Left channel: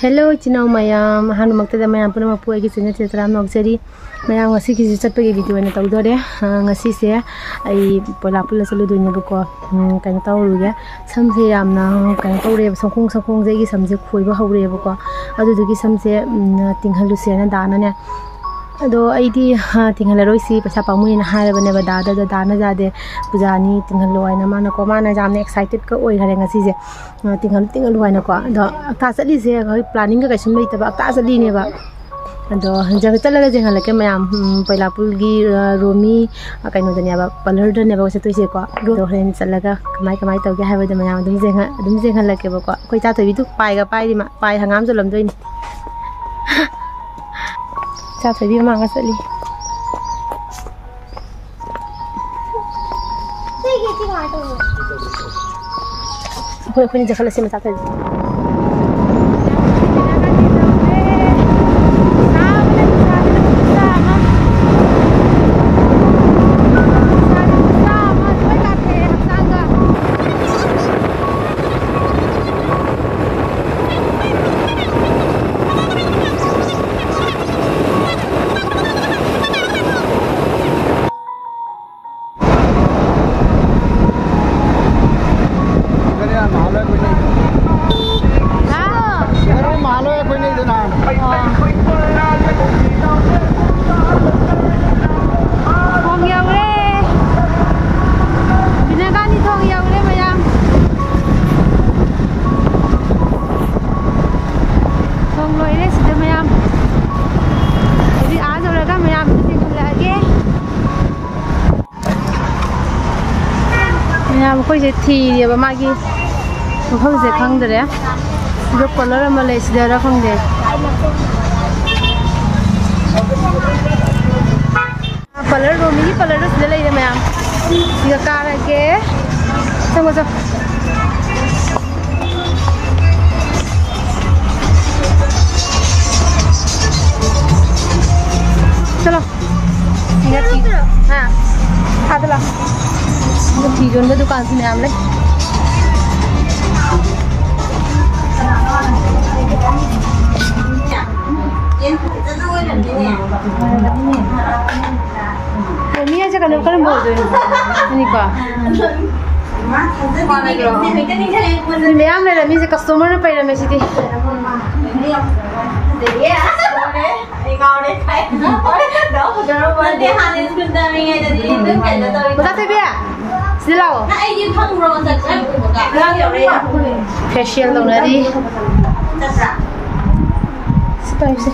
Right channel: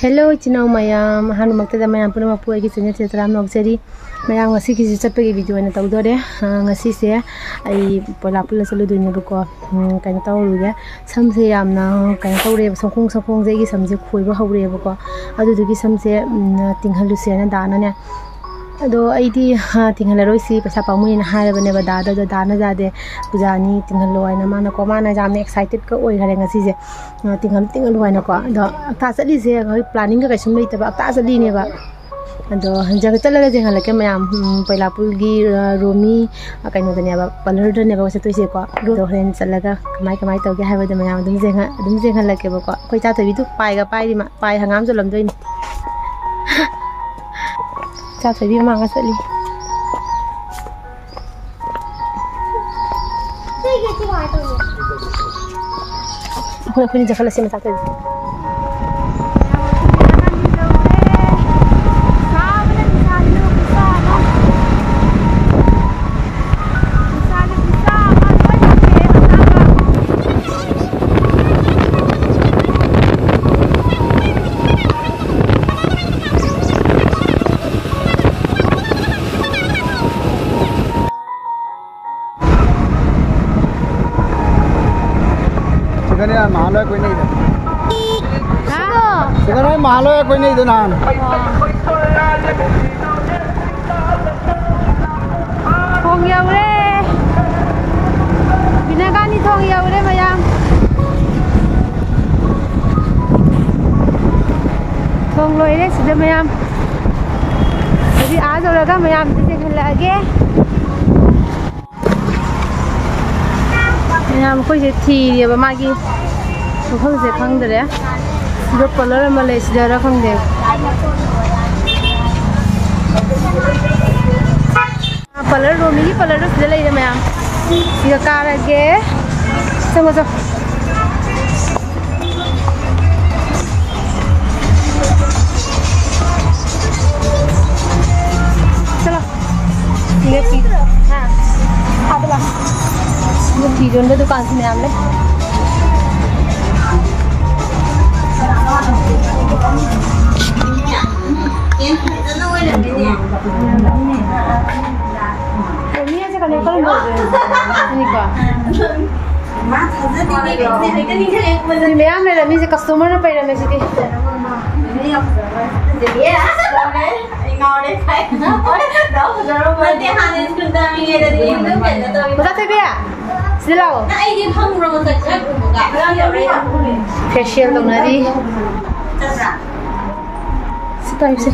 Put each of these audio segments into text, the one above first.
Hello, Chino Mayam, Hanumakta Mayam Puna is in the Tetram Noxeri. Mayam was sick is a video and a Taudore, Nasisia, I Polapula Saludin Buko, Cantaruga, some say I'm now Cantaure, some Zegi, some Zuku, However, other to give some say, Tingaluciana Dana. Though I did Tingarosi, Pasapamu in higher never dada, the Dana Zade, Puzani, Tingalo, and Amana Comana, I'm excited go over having a season. Tingaluanaco. The Tasali say planning a question later about Tasalini. And the Jagatala like a mam, Pelapulgi, Romi, a kind of the never, Palerda never was a Tusico, Rohan Salaga, Maika, have the man, the like a book. Quite after we took pie Hangamsalam doing. Chắc phải đi mang cái sợi ly. Khuyên khuyên chắc là xem sao thôi. Thong dầu đấy, Vinagan đi thong dầu đấy mà em. Thong lôi đấy, xin mời em. Jadi आज और अगर मैं आप इसे चल लगे, मैं आपको इसे थी ये बमागी, वो हम इसे खांग दे रहे हैं, जो कलर में ले इसे जरा खांग दे. Paler Romi, Paler is the lady, ma'am. Your car again. So what's up? Chalo. Let's see. Have a look. The tea on the dukan se ma'am le. Ini aja kan kalau mau ini kok. Ini am le mi se customer na paira me siti. Bata te bia. Silao. Facial dong nadi. Tayo sih.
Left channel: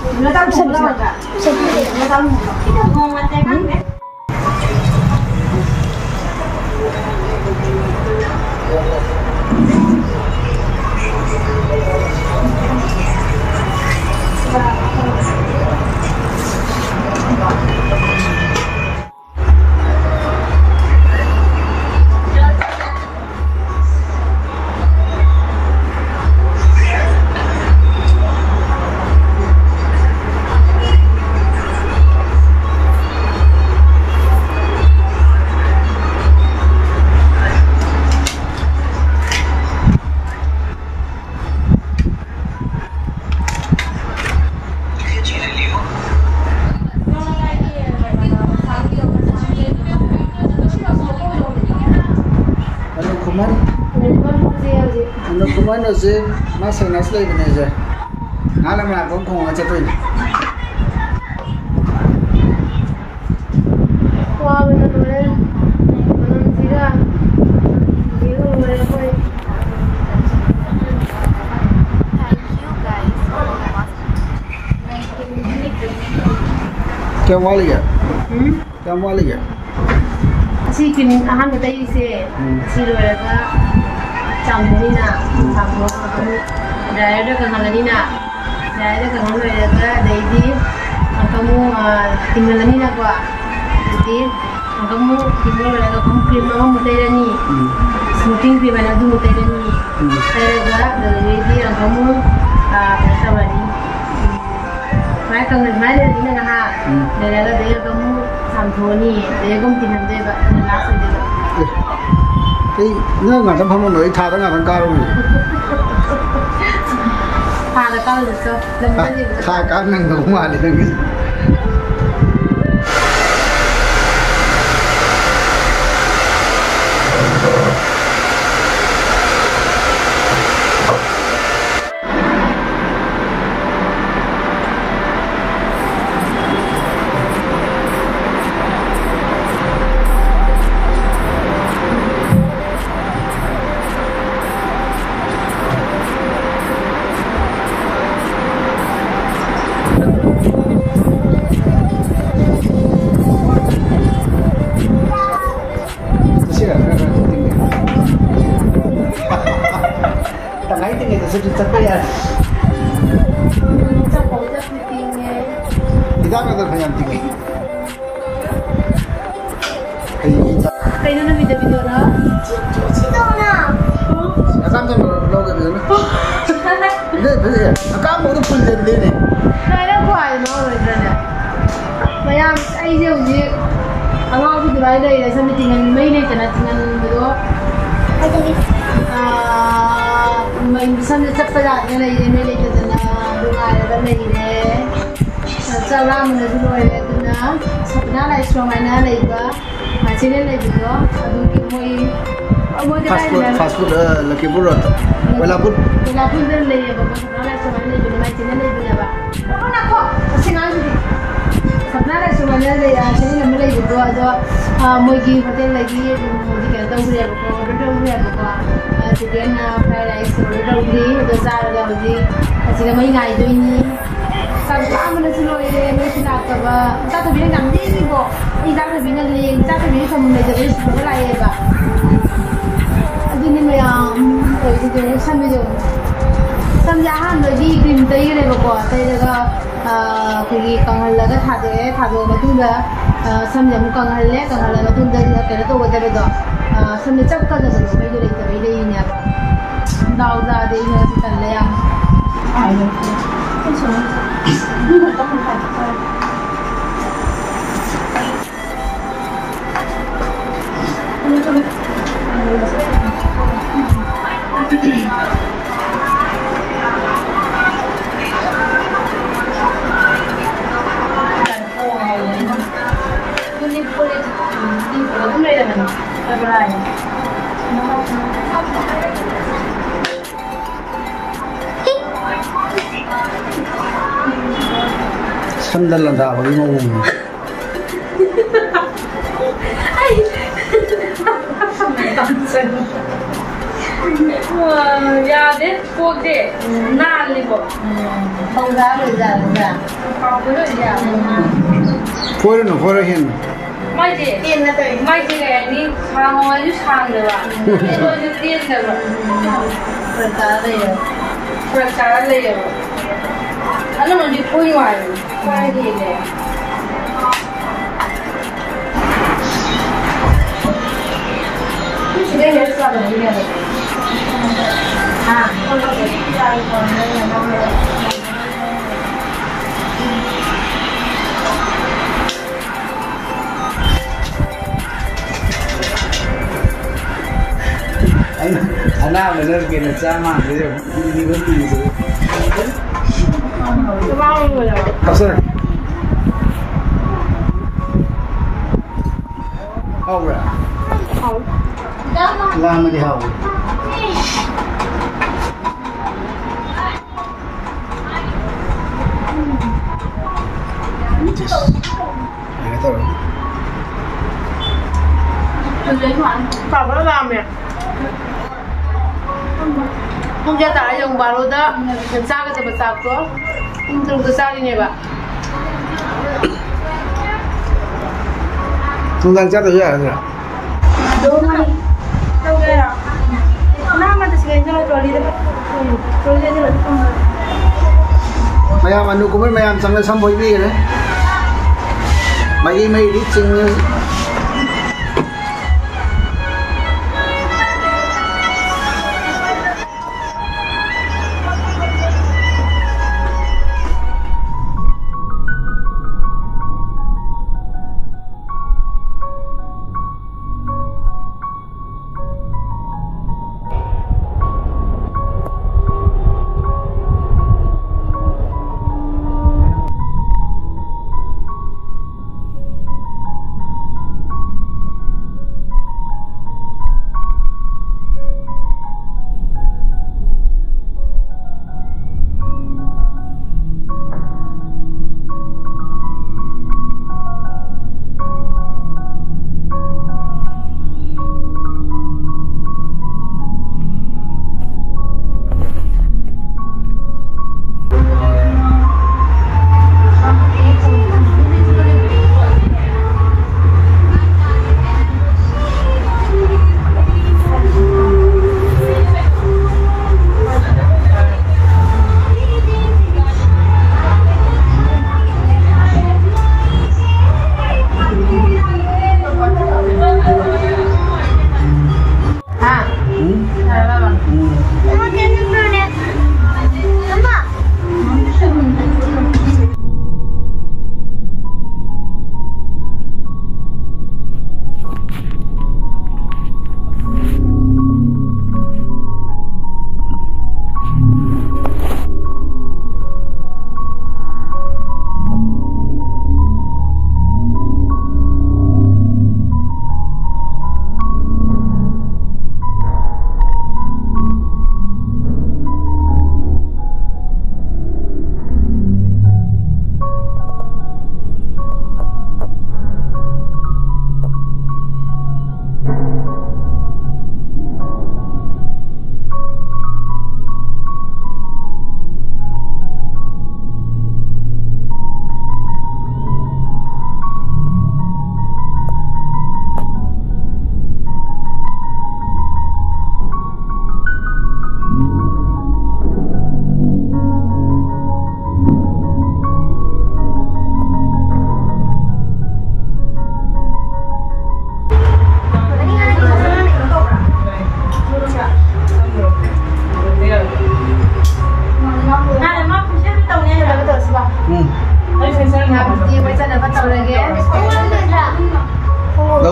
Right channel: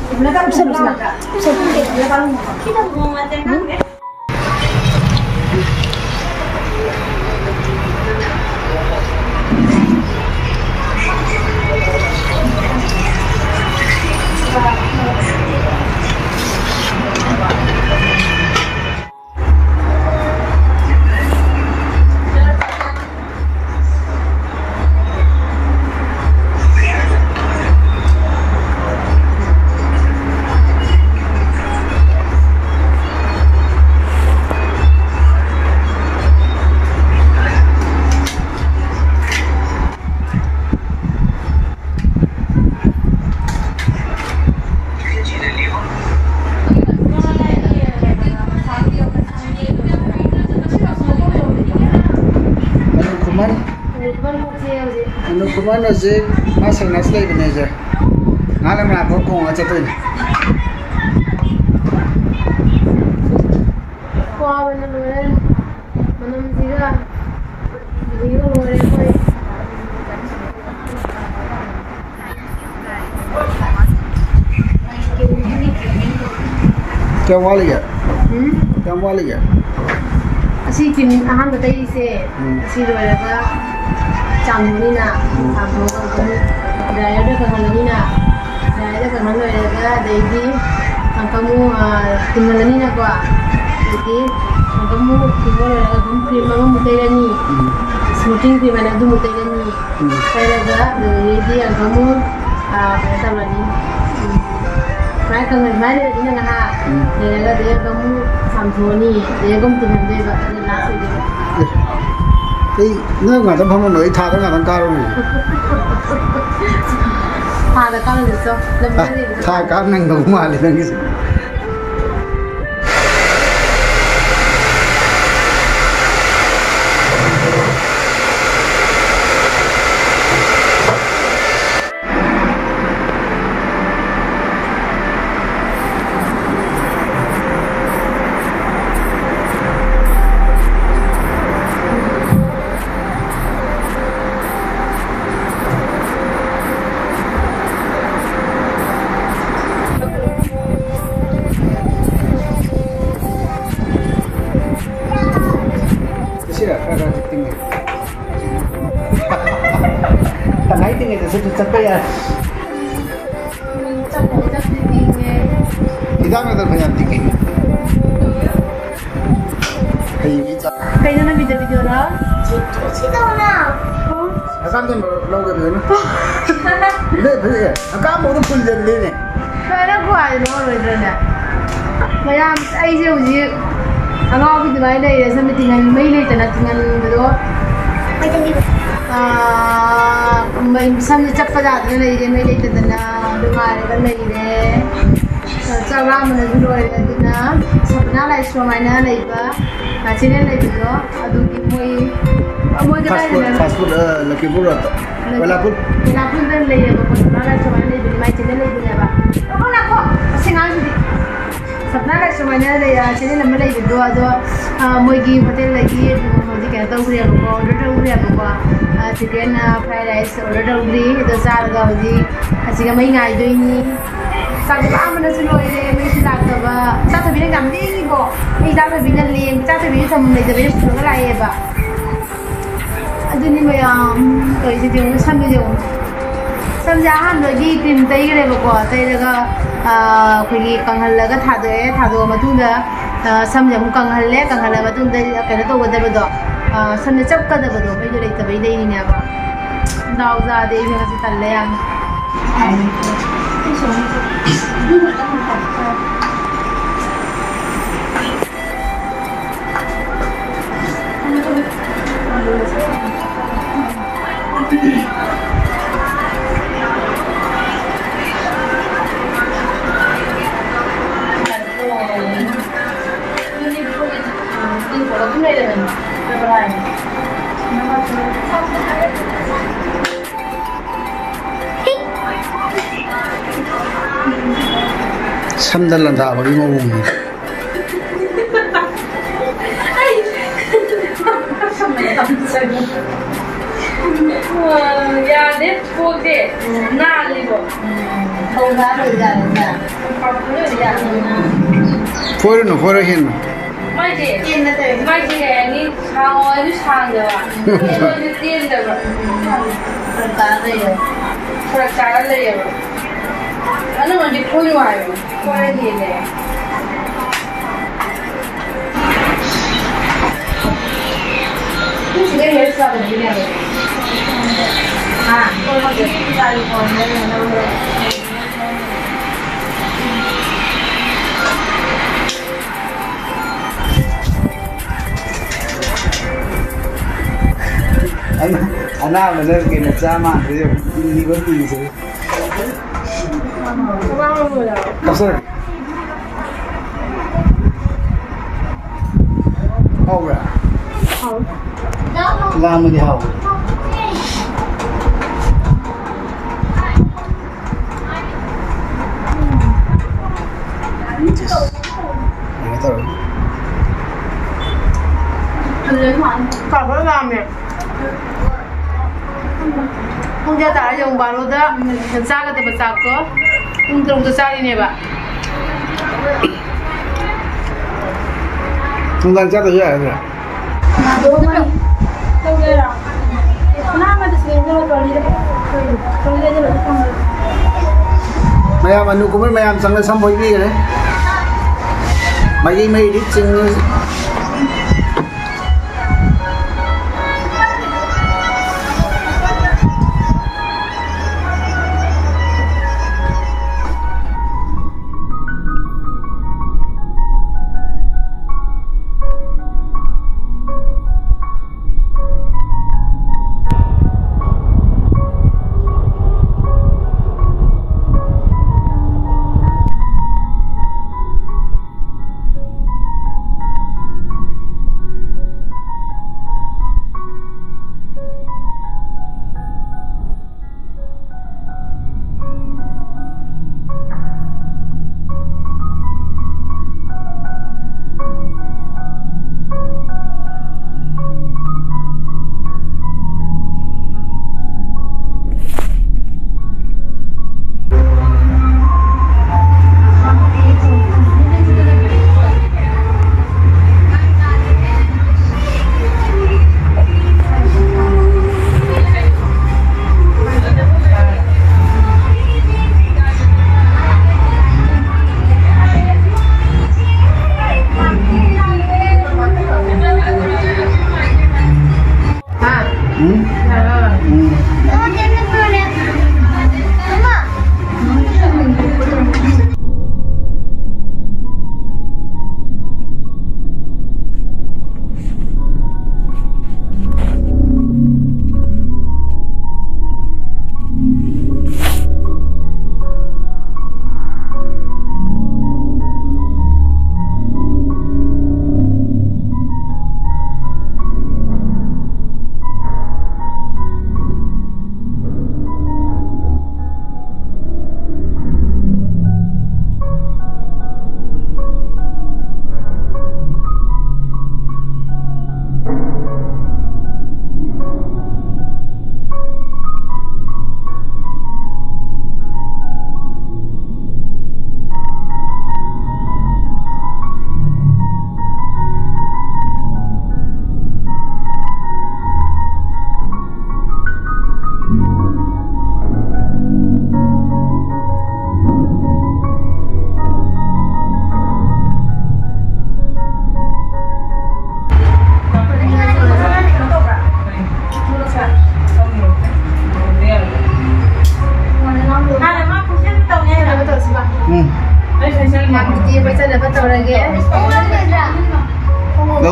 Kuman aja masih nasi lagi nih aja. Nggak lama aku kong aja tuh. Wah bener bener, mana tidak, biru bener boy. क्या वाली है? क्या वाली है? असी किन आहान बताइए से असी लोग Campur na, campur kamu. Daya ada kehalan na, daya ada kehalan ada. Jadi kamu tinggal ni na gua. Jadi kamu tinggal ada kamu film kamu mutai ni, shooting film mana tu mutai ni. Saya gua jadi kamu apa lagi? Saya kangen mana ni na ha. Daya kamu campur ni, daya kamu tinggal daya last saja. 이 너가 좀 한번 너희 타던 가던 가로. 타다 까는 있어. 타 까는 거 말이 되니. Tangay tingin itu sejak ya. Tidak ada banyak tinggi. Kayak mana video lah? Akan tu logo betul. Ini betul. Akan mau tu full jadi ni. Saya buat logo betul ni. Macam saya uji. Angau tu juga ada. Sampai tinggal main ni, tinggal betul. Sampai cepat dah lagi ni lagi tu na rumah ada lagi ni. Cara mana dulu ada tu na. Sebenarnya lah semua mana lagi ba. Macam ni lagi tu. Aduh moi. Fast food lagi pun rata. Walaupun tu lagi ba. Sebenarnya semua ni dulu macam ni lagi ni ba. Apa nak kau? Senang jadi. Sebenarnya semua ni lagi. Macam ni nama lagi tu. Moi gi hotel lagi. Moi kita tahu dia apa. Order tahu dia apa. Chicken fried rice order tahu dia. Itu cara kau jadi. Asyik kami ngai tu ini. Sampai mana semua ini mesti nak apa? Kita tu bilang kami ni bo. Ini kita bilang lem. Kita tu bilang semua jadi semua lagi ba. Aduh ni macam itu je. Sampai je. Sampai ham lagi krim tayi ke apa? Tayi juga pergi kanghal laga thado macam tu. Sampai mu kanghal laga macam tu. Kerana tu betul betul. Sampai cap kada betul. Pergi jadi tapi dia ini apa? Dah udah dia ini masih tak leh. 삼달란 다 버리 먹으면. Ya, deh, pode, nali bo. Không ra được ra được. Phơi hin. Mai gì? Mai gì cái này hàng ngoài nó hàng được à? Tôi đi tiền được rồi. Phần cá đây rồi. Phần cá đây rồi. Anh nó đi phơi ngoài rồi. Phơi gì này? Cái này hết sao rồi này? À, tôi có thể xài còn đây là đâu rồi? Anh nào là nơi kia là cha mà bây giờ đi có gì rồi? Có bao nhiêu rồi? Cặp sơ. Hậu rồi. Hậu. Làm mà đi hậu. Này tao rồi. Cả bữa làm nè. Không ra tại dùng bà luôn đó. Làm sao cái tập tập có. Không dùng từ sao đi nè bà. Không đang chắc được rồi. Đâu rồi? Đâu rồi? Nah, mà tôi sẽ cho đi đấy. Tôi lên rồi không được. Mày ăn mà nụ cũng mày ăn chẳng là xong bồi bì đấy. Mày đi chừng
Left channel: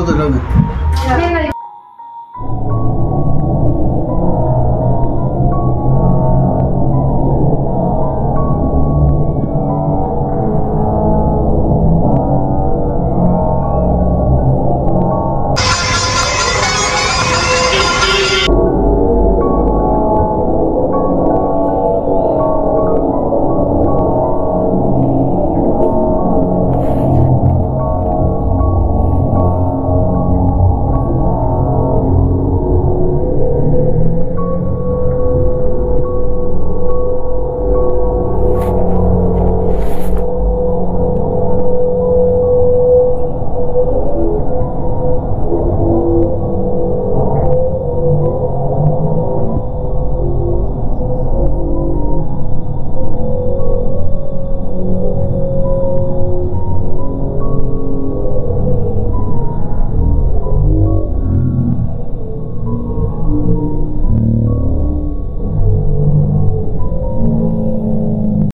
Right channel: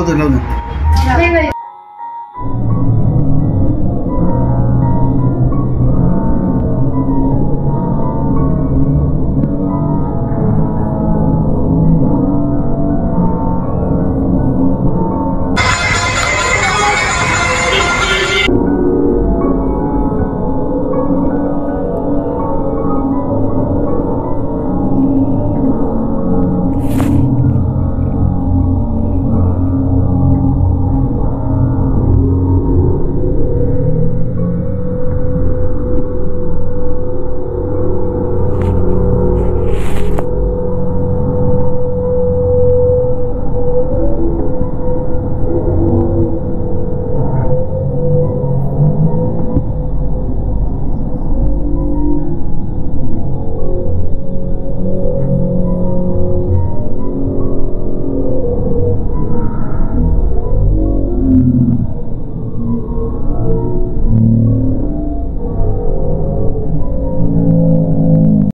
ꯂꯧꯗꯣꯏ ꯂꯧꯗꯣꯏ